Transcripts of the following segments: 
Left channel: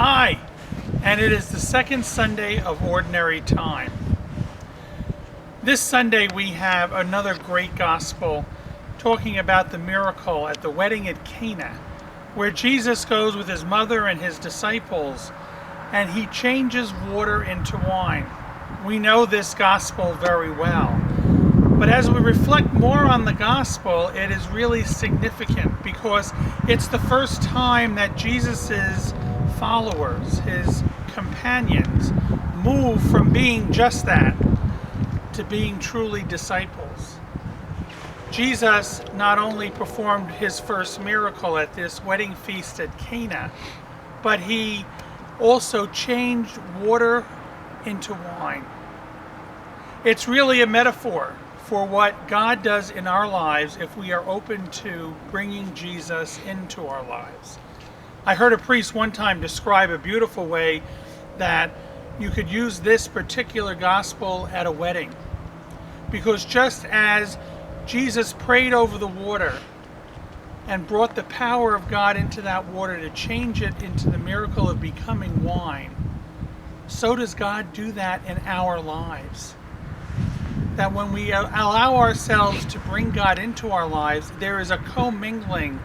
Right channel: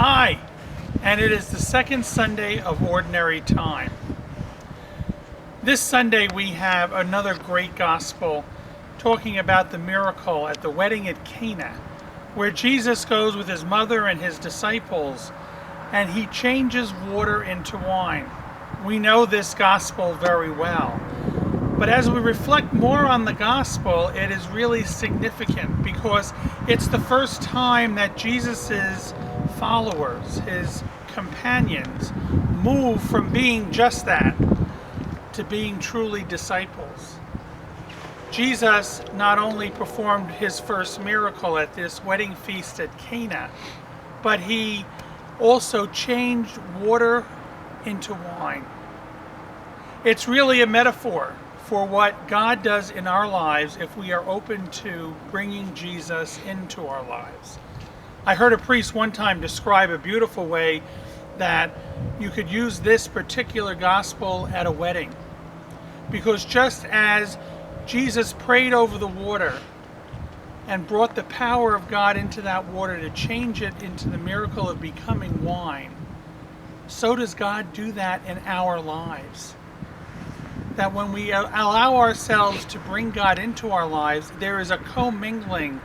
Hi, and it is the second Sunday of Ordinary Time. This Sunday we have another great gospel talking about the miracle at the wedding at Cana, where Jesus goes with his mother and his disciples and he changes water into wine. We know this gospel very well. But as we reflect more on the gospel, it is really significant because it's the first time that Jesus's followers, his companions, move from being just that to being truly disciples. Jesus not only performed his first miracle at this wedding feast at Cana, but he also changed water into wine. It's really a metaphor for what God does in our lives if we are open to bringing Jesus into our lives. I heard a priest one time describe a beautiful way that you could use this particular gospel at a wedding. Because just as Jesus prayed over the water and brought the power of God into that water to change it into the miracle of becoming wine, so does God do that in our lives. That when we allow ourselves to bring God into our lives, there is a commingling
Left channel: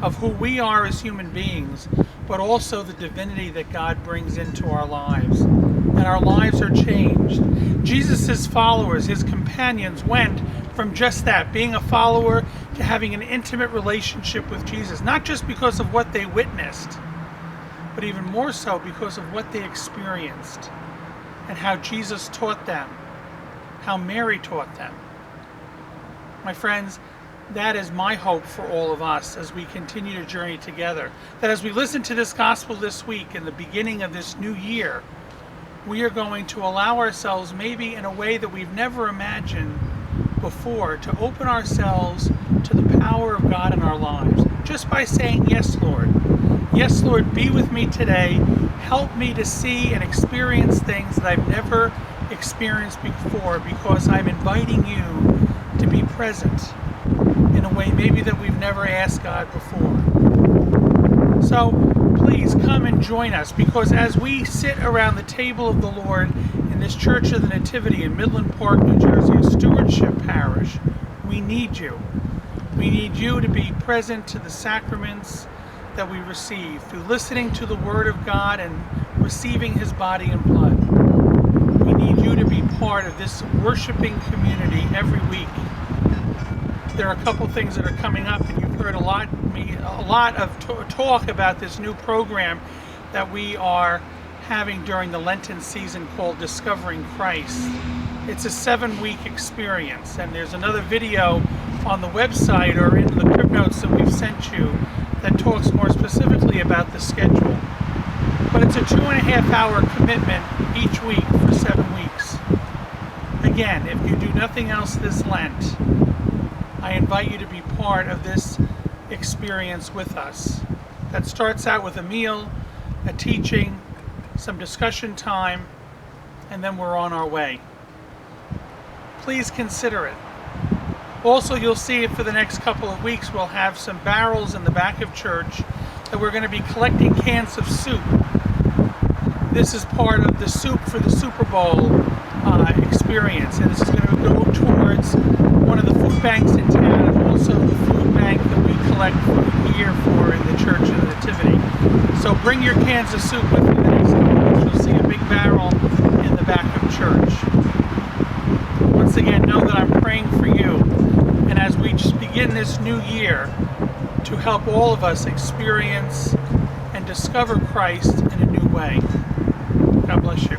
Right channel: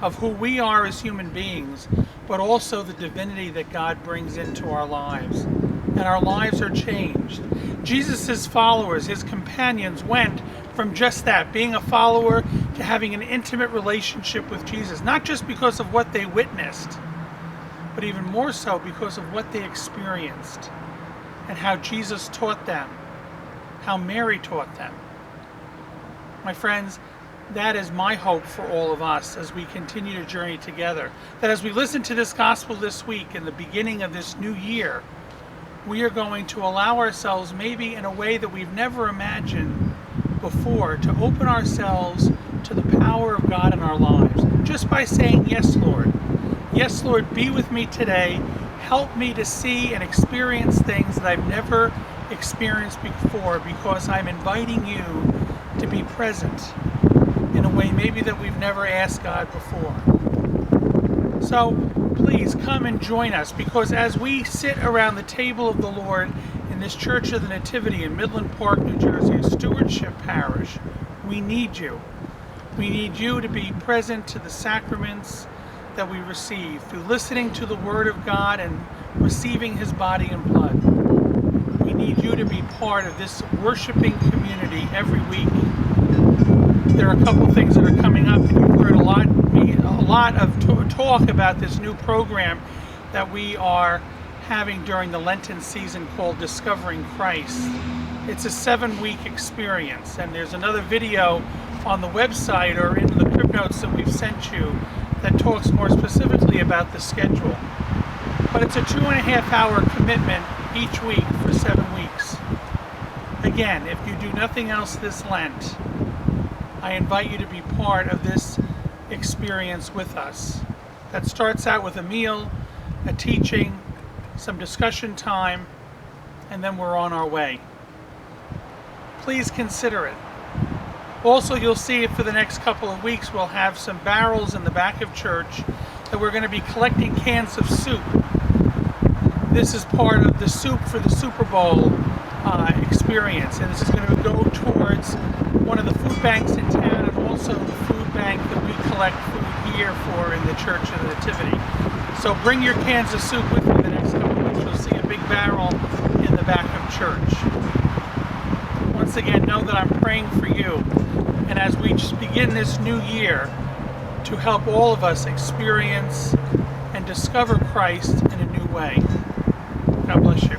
of who we are as human beings, but also the divinity that God brings into our lives. And our lives are changed. Jesus' followers, his companions, went from just that, being a follower, to having an intimate relationship with Jesus, not just because of what they witnessed, but even more so because of what they experienced and how Jesus taught them, how Mary taught them. My friends, that is my hope for all of us as we continue to journey together. That as we listen to this gospel this week in the beginning of this new year, we are going to allow ourselves, maybe in a way that we've never imagined before, to open ourselves to the power of God in our lives. Just by saying, "Yes, Lord. Yes, Lord, be with me today. Help me to see and experience things that I've never experienced before, because I'm inviting you to be present in a way maybe that we've never asked God before." So please come and join us, because as we sit around the table of the Lord in this Church of the Nativity in Midland Park, New Jersey, a stewardship parish, we need you. We need you to be present to the sacraments that we receive through listening to the Word of God and receiving his body and blood. We need you to be part of this worshiping community every week. There are a couple things that are coming up, and you've heard a lot of talk about this new program that we are having during the Lenten season called Discovering Christ. It's a 7-week experience, and there's another video on the website or in the crib notes that we've sent you that talks more specifically about the schedule. But it's a 2.5-hour commitment each week for 7 weeks. Again, if you do nothing else this Lent, I invite you to be part of this experience with us. That starts out with a meal, a teaching, some discussion time, and then we're on our way. Please consider it. Also, you'll see it for the next couple of weeks. We'll have some barrels in the back of church that we're going to be collecting cans of soup. This is part of the Soup for the Super Bowl experience, and this is going to go towards one of the food banks in town, and also the food bank that we collect food here for in the Church of the Nativity. So bring your cans of soup with you the next couple of weeks. You'll see a big barrel in the back of church. Once again, know that I'm praying for you, and as we just begin this new year, to help all of us experience and discover Christ in a new way. God bless you.